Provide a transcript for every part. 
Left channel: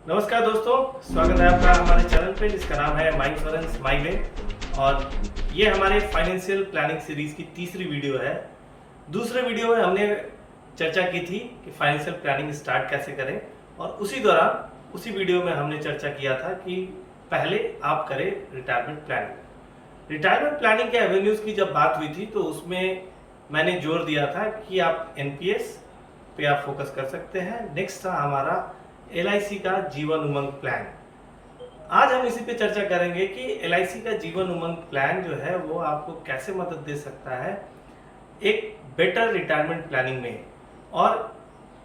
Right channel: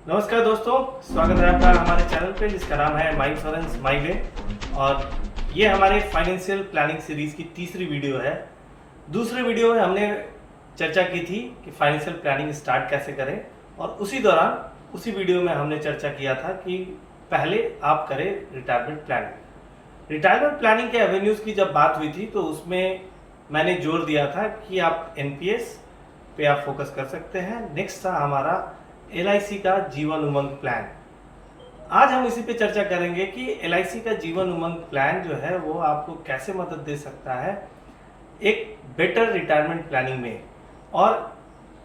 नमस्कार दोस्तों, स्वागत है आपका हमारे चैनल पे जिसका नाम है माई इंश्योरेंस माई वे। और ये हमारे फाइनेंशियल प्लानिंग सीरीज की तीसरी वीडियो है। दूसरे वीडियो में हमने चर्चा की थी कि फाइनेंशियल प्लानिंग स्टार्ट कैसे करें, और उसी दौरान उसी वीडियो में हमने चर्चा किया था कि पहले आप करें रिटायरमेंट प्लानिंग। रिटायरमेंट प्लानिंग के एवेन्यूज़ की जब बात हुई थी तो उसमें मैंने जोर दिया था कि आप एनपीएस पे आप फोकस कर सकते हैं। नेक्स्ट था हमारा एलआईसी का जीवन उमंग प्लान। आज हम इसी पे चर्चा करेंगे कि एलआईसी का जीवन उमंग प्लान जो है वो आपको कैसे मदद दे सकता है एक बेटर रिटायरमेंट प्लानिंग में, और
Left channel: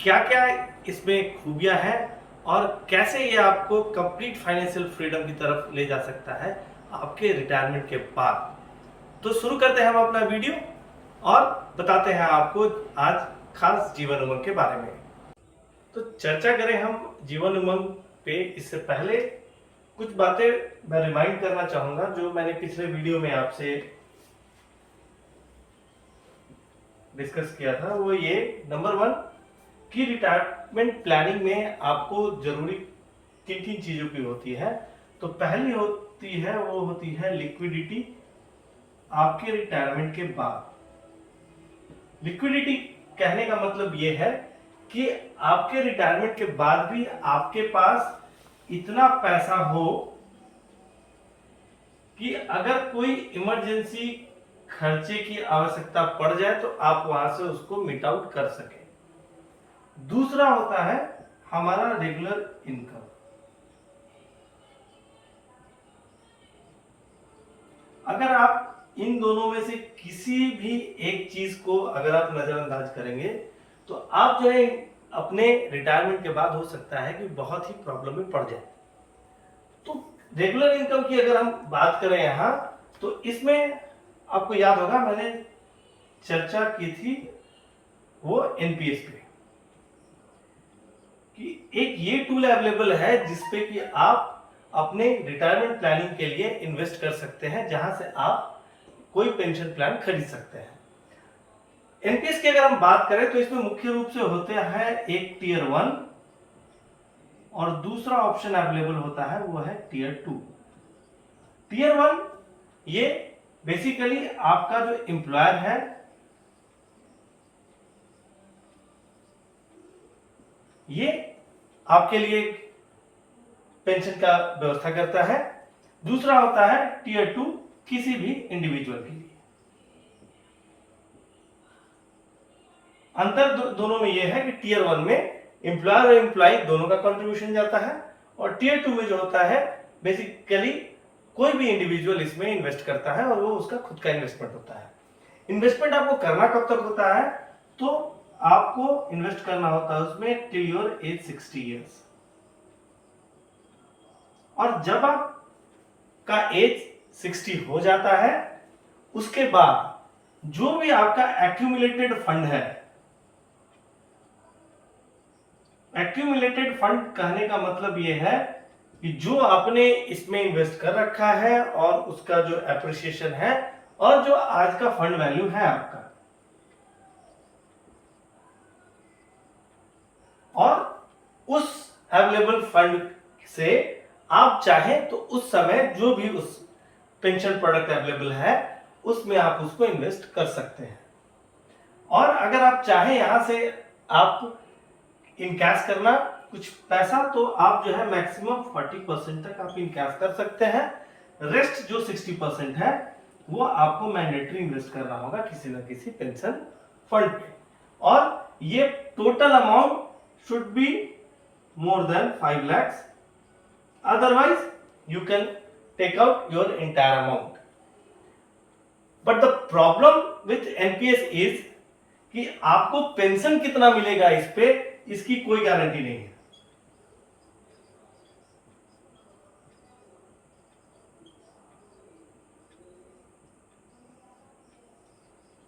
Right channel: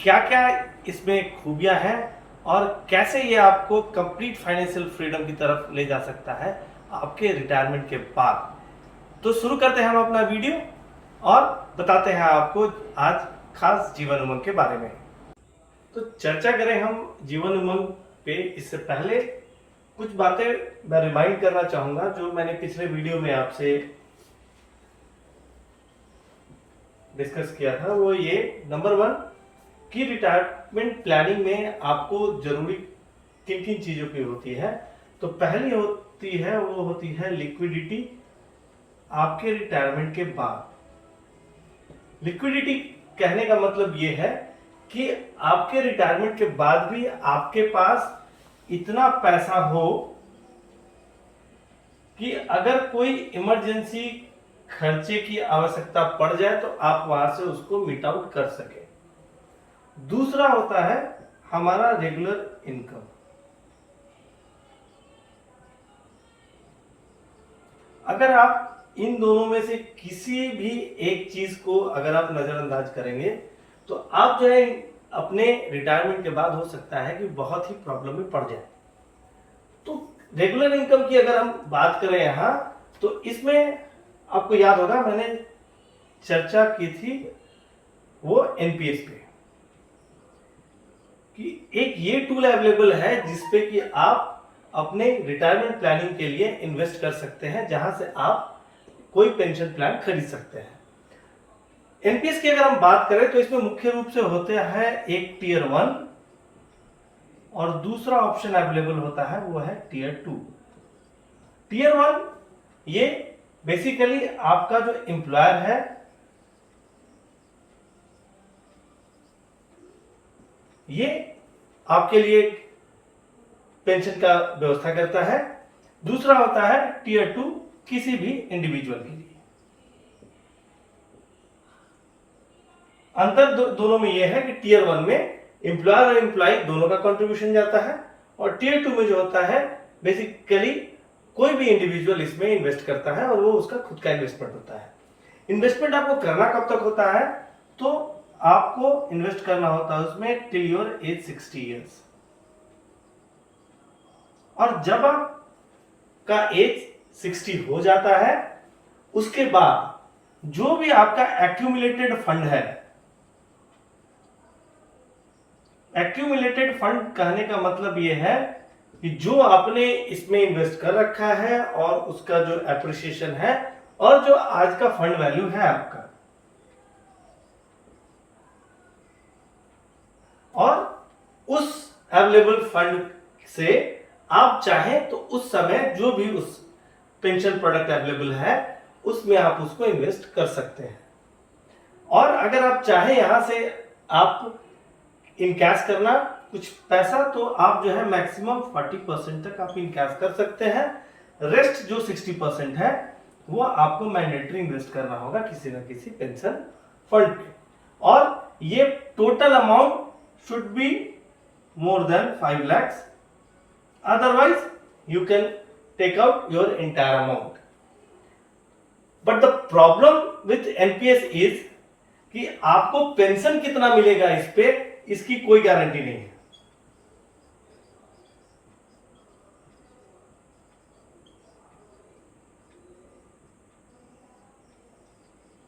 क्या क्या इसमें खूबियां हैं, और कैसे ये आपको कंप्लीट फाइनेंशियल फ्रीडम की तरफ ले जा सकता है आपके रिटायरमेंट के बाद। तो शुरू करते हैं हम अपना वीडियो और बताते हैं आपको आज खास जीवन उमंग के बारे में। तो चर्चा करें हम जीवन उमंग पे, इससे पहले कुछ बातें मैं रिमाइंड करना चाहूंगा जो मैंने पिछले वीडियो में आपसे डिस्कस किया था। वो ये, नंबर 1 कि रिटायरमेंट प्लानिंग में आपको जरूरी किन किन चीजों की होती है। तो पहली होती है वो होती है लिक्विडिटी आपके रिटायरमेंट के बाद। लिक्विडिटी कहने का मतलब ये है कि आपके रिटायरमेंट के बाद भी आपके पास इतना पैसा हो कि अगर कोई इमरजेंसी खर्चे की आवश्यकता पड़ जाए तो आप वहां से उसको मीट आउट कर सके। दूसरा होता है हमारा रेगुलर इनकम। अगर आप इन दोनों में से किसी भी एक चीज को अगर आप नजरअंदाज करेंगे तो आप जो है अपने रिटायरमेंट के बाद हो सकता है कि बहुत ही प्रॉब्लम में पड़ जाए। तो रेगुलर इनकम की अगर हम बात करें यहाँ, तो इसमें आपको याद होगा मैंने चर्चा की थी वो एनपीएस पे, कि एक ये टूल अवेलेबल है जिसपे कि आप अपने रिटायरमेंट प्लानिंग के लिए इन्वेस्ट कर सकते हैं, जहां से आप कोई पेंशन प्लान खरीद सकते हैं। एनपीएस की अगर हम बात करें तो इसमें मुख्य रूप से होते हैं एक टीयर 1 और दूसरा ऑप्शन अवेलेबल होता है वो है टीयर 2। टीयर 1 ये बेसिकली आपका जो एम्प्लॉयर है ये आपके लिए पेंशन का व्यवस्था करता है। दूसरा होता है टीयर 2 किसी भी इंडिविजुअल के लिए। अंतर दोनों में यह है कि टीयर 1 में एम्प्लॉयर और एम्प्लॉय दोनों का कंट्रीब्यूशन जाता है, और टीयर 2 में जो होता है बेसिकली कोई भी इंडिविजुअल इसमें इन्वेस्ट करता है और वो उसका खुद का इन्वेस्टमेंट होता है। इन्वेस्टमेंट आपको करना कब तक होता है, तो आपको इन्वेस्ट करना होता है उसमें टिल योर एज 60 ईयर्स। और जब आपका एज 60 हो जाता है उसके बाद जो भी आपका एक्यूमुलेटेड फंड है, एक्यूमुलेटेड फंड कहने का मतलब यह है कि जो आपने इसमें इन्वेस्ट कर रखा है और उसका जो एप्रिसिएशन है और जो आज का फंड वैल्यू है आपका, और उस अवेलेबल फंड से आप चाहें तो उस समय जो भी उस पेंशन प्रोडक्ट अवेलेबल है उसमें आप उसको इन्वेस्ट कर सकते हैं। और अगर आप चाहें यहां से आप इन कैश करना कुछ पैसा, तो आप जो है मैक्सिमम 40% तक आप इन कैश कर सकते हैं। रेस्ट जो 60% है वो आपको मैंडेटरी इन्वेस्ट करना होगा किसी ना किसी पेंशन फंड पे, और ये total amount should be more than 5 lakhs, otherwise you can take out your entire amount. But the problem with NPS is कि आपको पेंशन कितना मिलेगा इस पे इसकी कोई गारंटी नहीं है।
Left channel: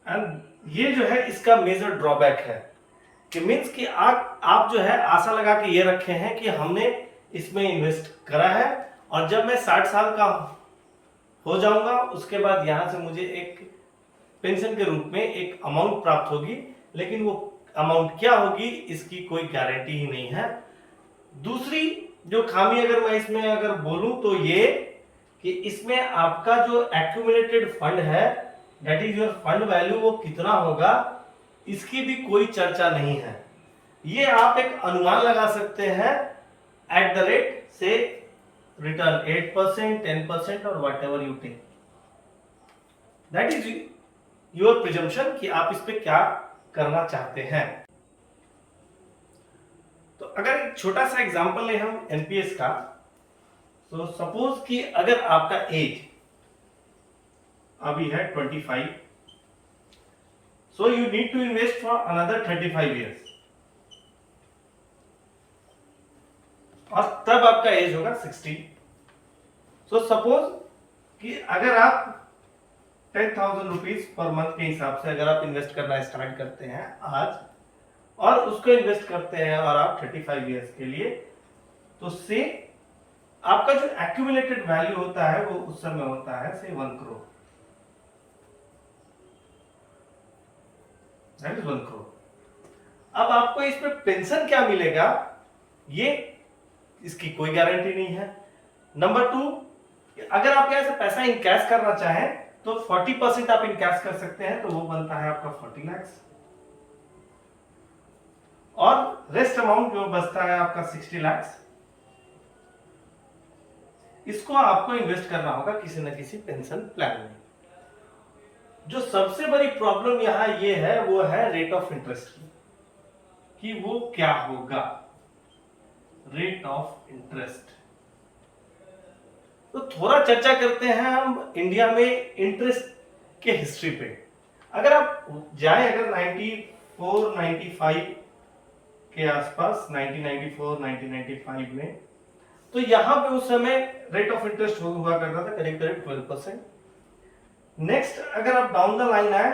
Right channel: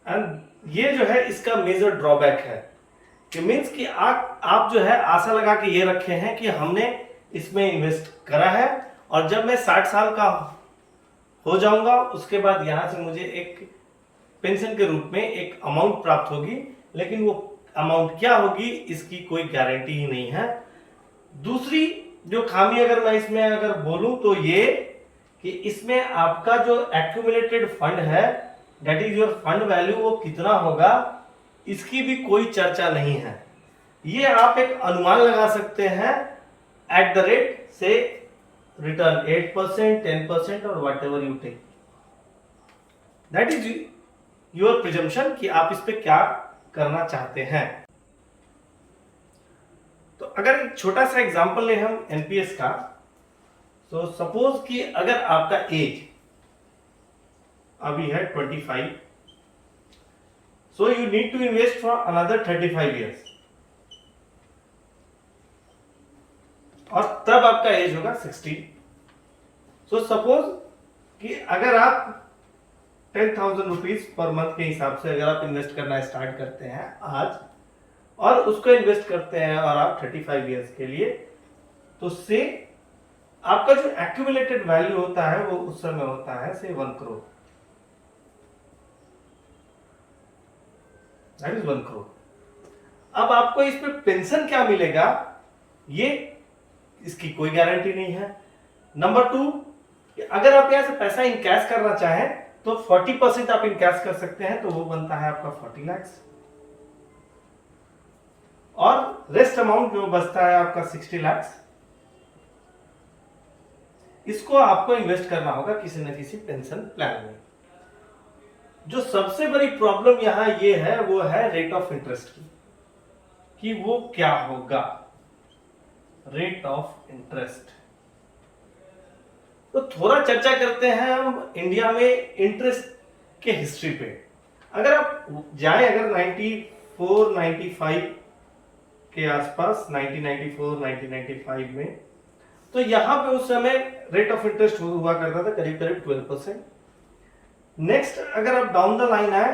एंड ये जो है इसका मेजर ड्रॉबैक है कि मीन्स कि आप जो है आशा लगा के ये रखे हैं कि हमने इसमें इन्वेस्ट करा है और जब मैं 60 साल का हो जाऊंगा उसके बाद यहां से मुझे एक पेंशन के रूप में एक अमाउंट प्राप्त होगी, लेकिन वो अमाउंट क्या होगी इसकी कोई गारंटी ही नहीं है। दूसरी जो खामी अगर मैं इसमें अगर बोलूं तो ये कि इसमें आपका जो एक्यूमुलेटेड फंड है, that is your fund value, वो कितना होगा इसकी भी कोई चर्चा नहीं है। ये आप एक अनुमान लगा सकते हैं एट द रेट से रिटर्न 8%, 10% और whatever you take, that is your presumption कि आप इस पे क्या करना चाहते हैं। तो अगर एक छोटा सा एग्जांपल ले हम एनपीएस का, तो सपोज कि अगर आपका एज अभी है 25, so you need to invest for another 35 years, और तब आपका एज होगा 60। सो सपोज कि अगर आप 10,000 रुपीज पर मंथ के हिसाब से अगर आप इन्वेस्ट करना स्टार्ट करते हैं आज, और उसको इन्वेस्ट करते हैं और आप 35 इयर्स के लिए, तो से आपका जो एक्यूमुलेटेड वैल्यू होता है वो उस समय होता है से 1 करोड़, दैट इज 1 करोड़। अब आपको इस पे पेंशन क्या मिलेगा, ये इसकी कोई गारंटी नहीं है। नंबर 2, अगर आप यहां से पैसा इनकैश करना चाहें तो 40% आप इनकैश कर सकते हैं, तो वो बनता है आपका 40 लाख, और रेस्ट अमाउंट जो बचता है आपका 60 लाख, इसको आपको इन्वेस्ट करना होगा किसी न किसी पेंशन प्लान में। जो सबसे बड़ी प्रॉब्लम यहां ये है वो है रेट ऑफ इंटरेस्ट की, कि वो क्या होगा, रेट ऑफ इंटरेस्ट। तो थोड़ा चर्चा करते हैं हम इंडिया में इंटरेस्ट के हिस्ट्री पे। अगर आप जाएं अगर 94, 95 के आसपास, 1994, 1995 में, तो यहां पे उस समय रेट ऑफ इंटरेस्ट हुआ करता था करीब करीब 12%। नेक्स्ट अगर आप डाउन द लाइन आए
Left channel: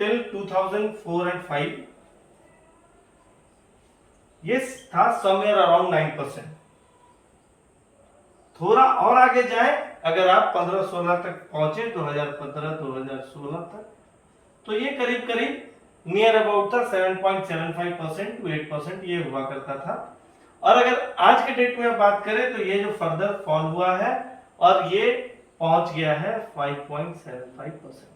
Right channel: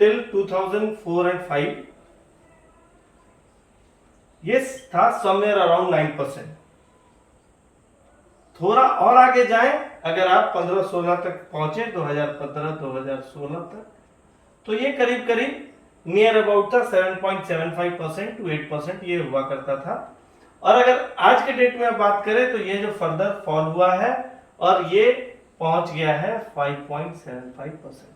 टिल 2004 एंड 5, ये था समवेयर अराउंड 9%। थोड़ा और आगे जाएं अगर आप 15-16 तक पहुंचे, 2015-2016 तक, तो ये करीब करीब नियर अबाउट था 7.75% टू 8% ये हुआ करता था। और अगर आज के डेट में आप बात करें तो ये जो फर्दर फॉल हुआ है और ये पहुंच गया है 5.75%।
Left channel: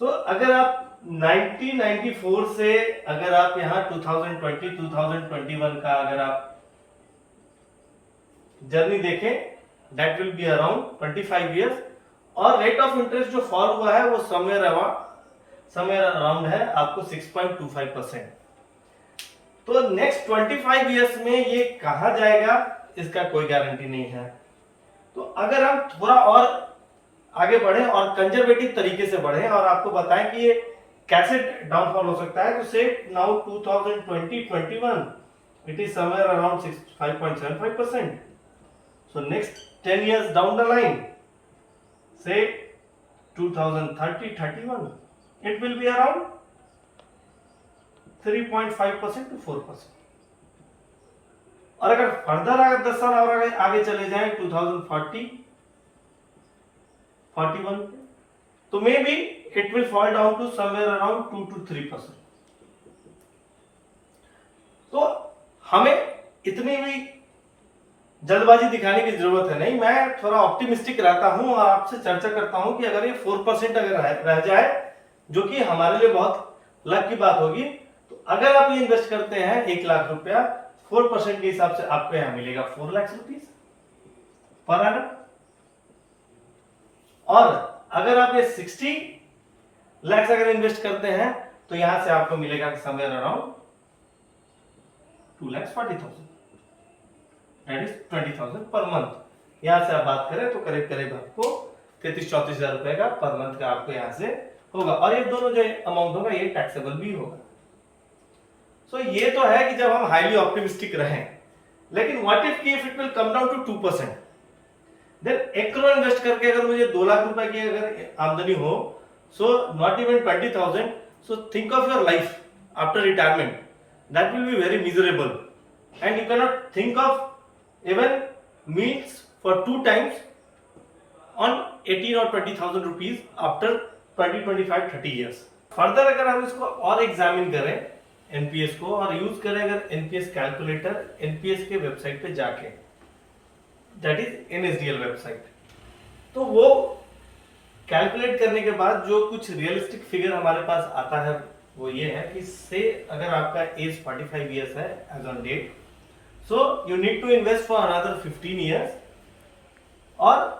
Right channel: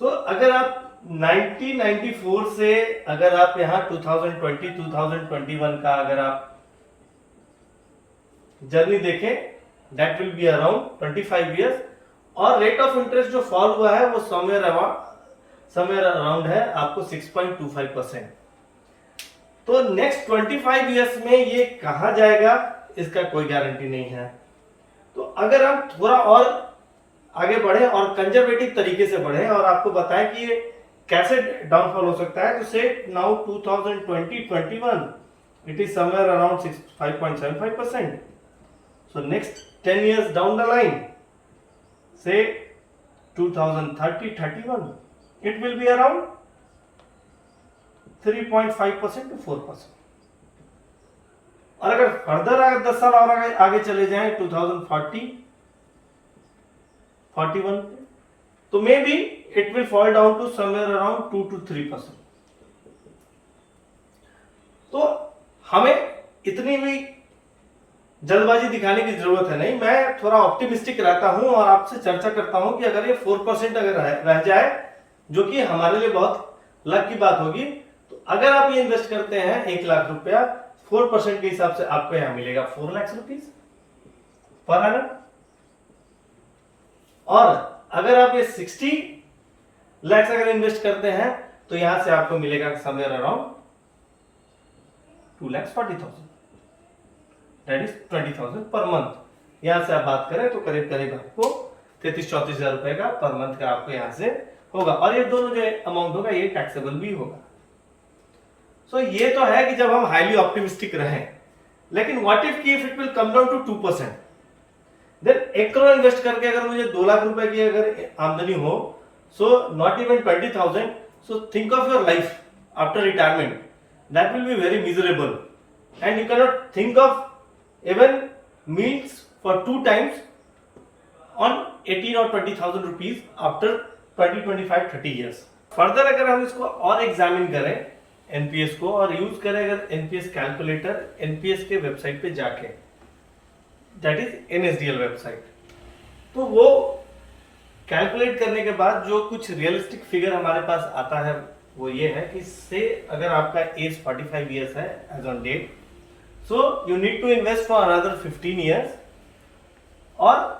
तो अगर आप 1994 से अगर आप यहां 2020, 2021 का अगर आप जर्नी देखें, that will be around 25 years, और रेट ऑफ इंटरेस्ट जो फॉल हुआ है वो समवेयर अराउंड है आपको 6.25%। तो नेक्स्ट 25 इयर्स में ये कहां जाएगा इसका कोई गारंटी नहीं है। तो अगर हम थोड़ा और आगे बढ़े और कंजर्वेटिव तरीके से बढ़े और आपको बताएं कि ये कैसे डाउनफॉल हो सकता है, तो से now 2020-21 it is somewhere around 5.75%। So next 10 years down the line, say 2030-31, it will be around 3.5% to 4%। और अगर फर्दर अगर 10 साल और आगे चले जाएं 2040-41, तो maybe it will fall down to somewhere around 2 to 3%। तो हमें इतनी भी जल्दबाजी दिखाने की जरूरत है नहीं, मैं थोड़ा ऑप्टिमिस्टिक रहता हूं और आपसे चर्चा करता हूं कि अगर ये 4% अगर रह जाए, जो कि हमारे लिए बहुत लक की बात होगी, तो अगर आप ये इन्वेस्ट करते हैं 1 लाख रुपया, 4% के हिसाब से आपको यहां मिलेगा 4 लाख रुपीज पर एनम। और अगर आप ये 60 लाख अगर इन्वेस्ट करते हैं तो यहां से आपको मिलेगा somewhere around 2,40,000, that is 20,000 per month. यहां से आप बात करें तो करीब करीब आपको 33-34 हजार रुपए का पर मंथ का आपको यहां से होगा, और ये दोनों जो अमाउंट होगा ये टैक्सेबल भी होगा। सो ये तो है कि जब हम हाईली ऑप्टिमिस्टिक रहें, लेकिन व्हाट इफ की if it will come down to 2%, then 1 crore invest करके अगर मुझे 2 लाख रुपए की अगर आमदनी हो, so not even 20,000, so think of your life after retirement, that will be very miserable and you can not think of even meals for 2 times on 18 or 20,000 rupees after 20, 25, 30 years। Further अगर हम इसको और examine करें NPS को और use करें अगर NPS calculator NPS के वेबसाइट पे जाके, दैट इज एनएसडीएल वेबसाइट, तो वो कैलकुलेट करने के बाद जो कुछ रियलिस्टिक फिगर हमारे पास आता है वो ये है कि से अगर आपका एज 45 ईयर्स है age on date, so you need to invest for another 15 years, और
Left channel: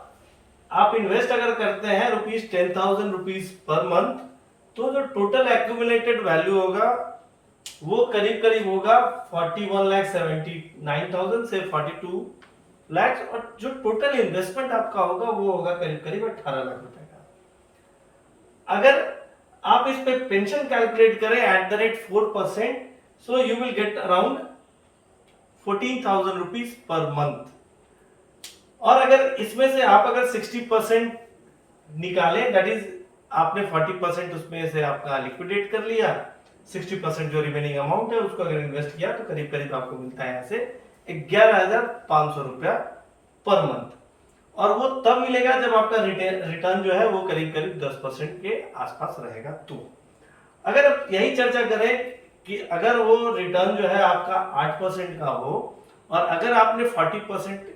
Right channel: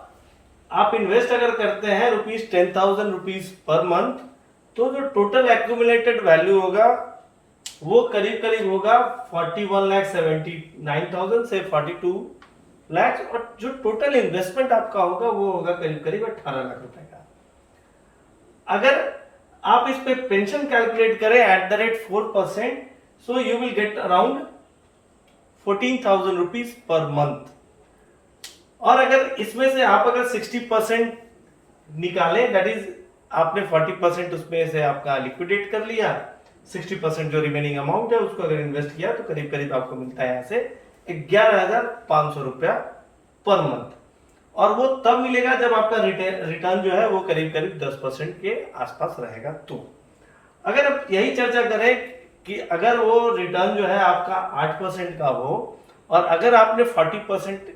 आप इन्वेस्ट अगर करते हैं ₹10,000 पर मंथ, तो जो टोटल एक्यूमुलेटेड वैल्यू होगा वो करीब करीब होगा 41,79,000 से 42 लाख, और जो टोटल इन्वेस्टमेंट आपका होगा वो होगा करीब करीब 18 लाख रुपए का। अगर आप इस पे पेंशन कैलकुलेट करें eight the rate 4%, so you will get around 14,000 per month. और अगर इसमें से आप अगर 60% निकालें, दैट इज आपने 40% उसमें से आपका लिक्विडेट कर लिया, 60% जो रिमेनिंग अमाउंट है उसको अगर इन्वेस्ट किया तो करीब करीब आपको मिलता है यहाँ से 11,500 रुपया पर मंथ। और वो तब मिलेगा जब आपका रिटर्न जो है वो करीब करीब 10% के आसपास रहेगा। तो अगर आप यही चर्चा करें कि अगर वो रिटर्न जो है आपका 8% का हो और अगर आपने 40%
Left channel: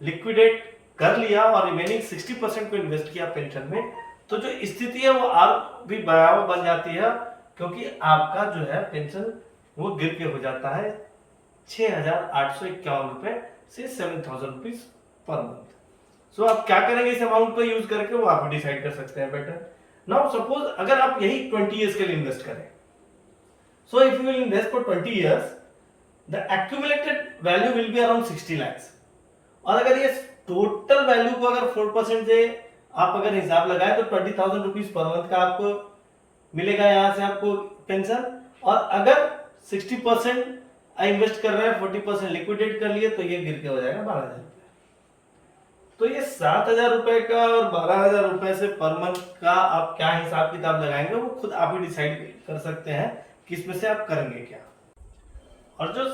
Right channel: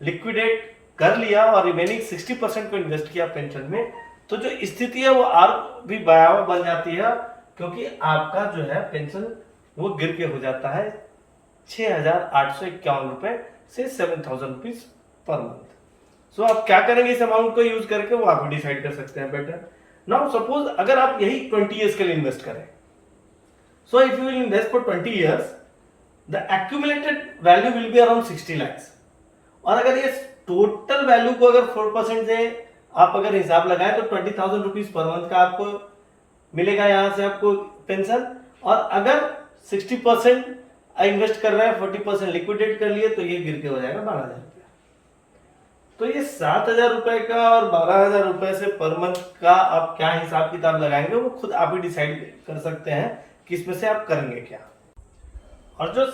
लिक्विडेट कर लिया और रिमेनिंग 60% को इन्वेस्ट किया पेंशन में, तो जो स्थिति है वो और भी भयावह बन जाती है, क्योंकि आपका जो है पेंशन वो गिर के हो जाता है 6,851 रुपए से 7,000 पर मंथ। सो आप क्या करेंगे इस अमाउंट को यूज करके वो आप डिसाइड कर सकते हैं बेटर। नाउ सपोज अगर आप यही 20 इयर्स के लिए इन्वेस्ट करें, so if you will invest for 20 years, the accumulated value will be around 60 lakhs। और अगर ये टोटल वैल्यू को अगर 4% से आप अगर हिसाब लगाए तो 20,000 पर मंथ का आपको मिलेगा यहां से आपको पेंशन। और अगर 60% इन्वेस्ट कर रहे हैं, 40% लिक्विडेट कर लिए, तो ये गिर के हो जाएगा 12,000 रुपया। तो ये 7,000 रुपए का और 12,000 रुपए से पर मंथ का आप क्या हिसाब किताब लगाएंगे वो खुद आप ही डिसाइड कर सकते हैं कि इसमें से आप करेंगे क्या। और जो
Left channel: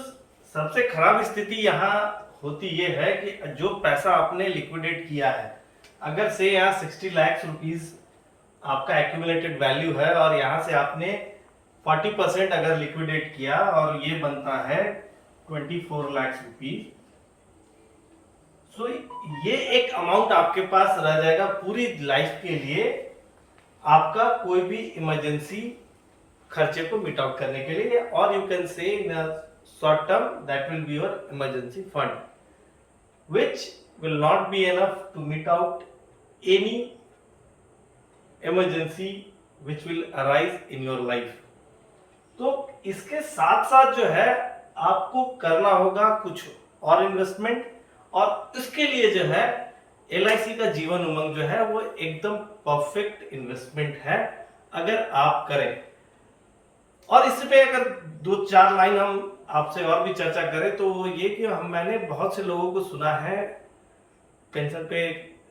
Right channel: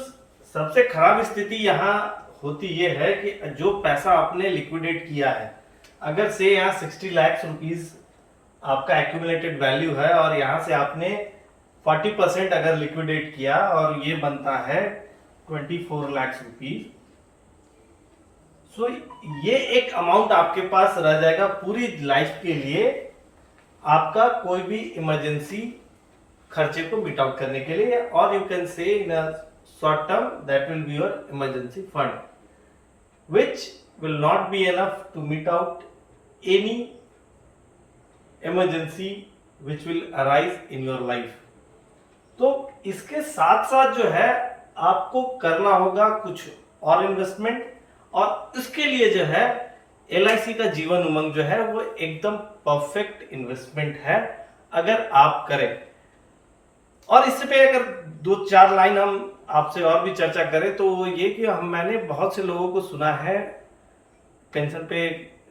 सबसे खराब स्थिति यहाँ होती ये है कि जो पैसा आपने लिक्विडेट किया है, अगर से यहाँ 60 लाख रुपीस आपका एक्यूमुलेटेड वैल्यू है और यहाँ से आपने 40% अगर लिक्विडेट किया और ये बनता है 24 लाख रुपीस, सो ये एक अमाउंट आपके पास रह जाएगा पूरी लाइफ के लिए, आपका कोई भी इमरजेंसी खर्चे को मीट आउट करने के लिए। और you can say in a short term that will be your emergency fund which will not be enough to meet out any emergency which will arise in your life। तो इसके साथ साथ जो है आपको करना होगा कुछ और इन्वेस्टमेंट, और इसके लिए जो है LIC का जीवन उमंग जो है वो एकदम परफेक्ट इन्वेस्टमेंट है अगर आप करें। और इससे पे अगर 2-4 लाइन हम आपसे और भी चर्चा करें तो ये कि मैंने बहुत से लोगों को सुना है पेंशन पे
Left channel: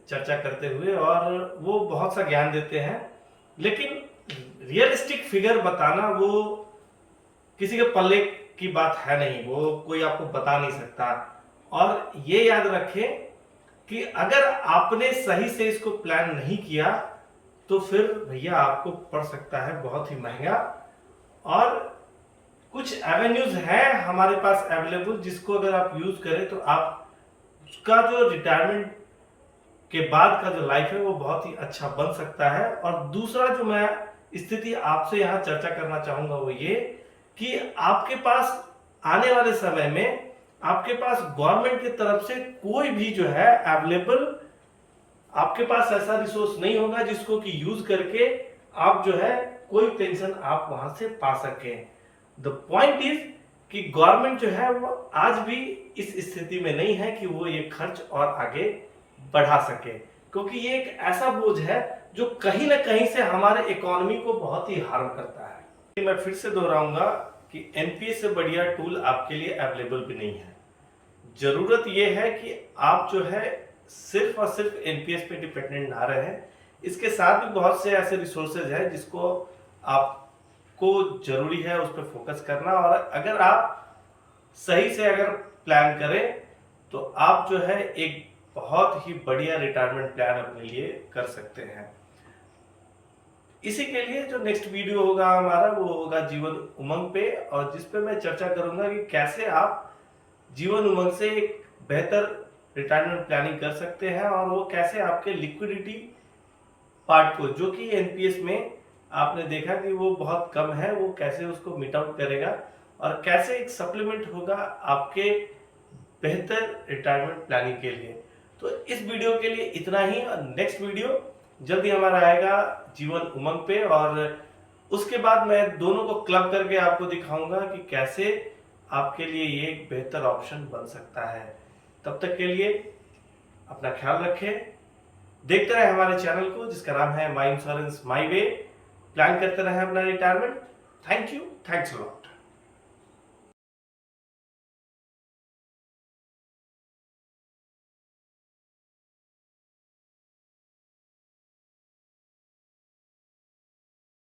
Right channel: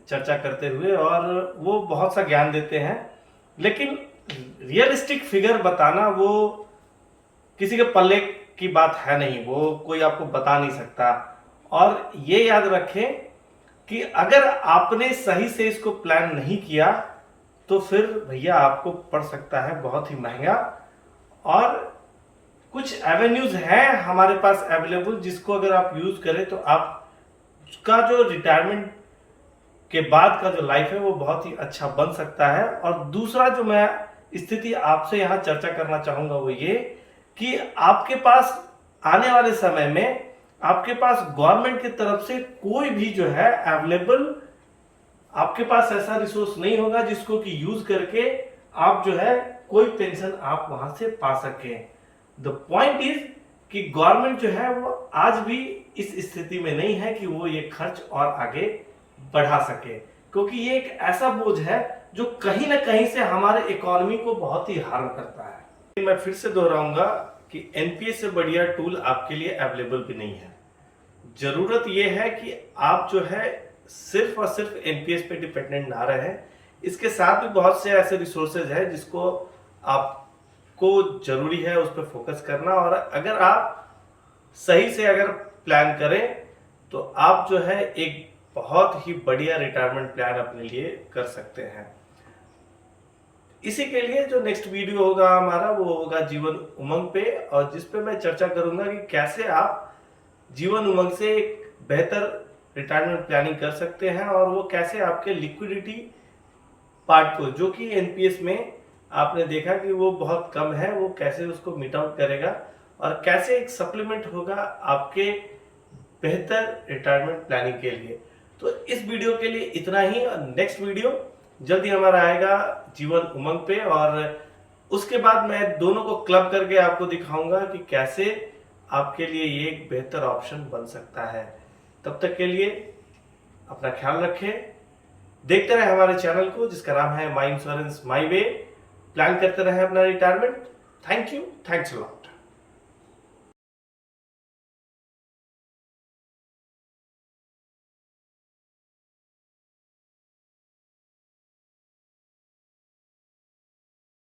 चर्चा करते हुए और वो बहुत सा ज्ञान देते हैं, लेकिन रियलिस्टिक फिगर बताना वो किसी के पल्ले की बात है नहीं, वो कोई आपको बता नहीं सकता। और ये याद रखें कि अगर आपने सही से इसको प्लान नहीं किया तो फिर भैया आपको पड़ सकता है बहुत ही महंगा। और कुछ एवेन्यूज हैं हमारे पास अवेलेबल जिसको अगर आप यूज करें तो आपका जो रिटायरमेंट के बाद का जो लाइफ है वो बहुत ही अच्छा बन सकता है। और दूसरा जो मैं स्थिति आपसे यहाँ चर्चा करना चाहूंगा वो ये कि आपके पास आने वाले समय में आपके पास गवर्नमेंट की तरफ से कोई भी जो है अवेलेबल आपके पास ऐसा रिसोर्स नहीं होगा जिसको कि यूज करके आप जो है कोई पेंशन आप वहां से पा सके। द पॉइंट इज कि गवर्नमेंट जो है वो आज भी इस स्थिति में नहीं है कि वो ये खर्च और आगे बढ़ा सके, क्योंकि ये एक ऐसा बोझ है जो कहीं ना कहीं से हमारे इकोनॉमी को बहुत ही हार्म करता है। मैं फिर से दोहराऊंगा कि एनपीएस से बढ़िया टूल आपके लिए अवेलेबल भी नहीं है। जरूरत यह है कि आप जो है सिर्फ और सिर्फ एनपीएस पे डिपेंडेंट ना रहे, इसके साथ भी बहुत से ऐसे रिसोर्सेज है जिसको आपको जरूरी है उस पर फोकस करना। और अगर आप सही से अगर प्लान करें तो आप जो है एक बहुत ही बढ़िया रिटायरमेंट प्लान अपने लिए कर सकते हैं। इसी के लिए जो नेक्स्ट वीडियो होगा हमारा वो होगा जीवन उमंग पे, और जिस पे मैं चर्चा करूंगा कि कैसे आप जीवन उमंग से एक बेहतर रिटायरमेंट प्लानिंग कर सकते हैं, और वो कैसे आपके लिक्विडिटी पार्ट को, जो कि एनपीएस में आपने देखा कि वो बहुत कम है, वो कैसे उसको मीट आउट करेगा और कैसे एक सप्लीमेंट होगा आपके बेहतर रिटायरमेंट प्लानिंग के लिए। तो इस वीडियो के लिए इतना ही, और नेक्स्ट वीडियो जल्दी हमारा आएगा जीवन उमंग पे, और उसके बाद मैं दोनों को क्लब करके आपको दिखाऊंगा कि कैसे आपके लिए ये एक बेहतर ऑप्शन बन सकता है। तब तक के लिए अपना ख्याल रखें, देखते रहे हमारे चैनल को जिसका नाम है माई इंश्योरेंस माई वे। प्लान करते रहे अपना retirement. Thank you, thanks a lot.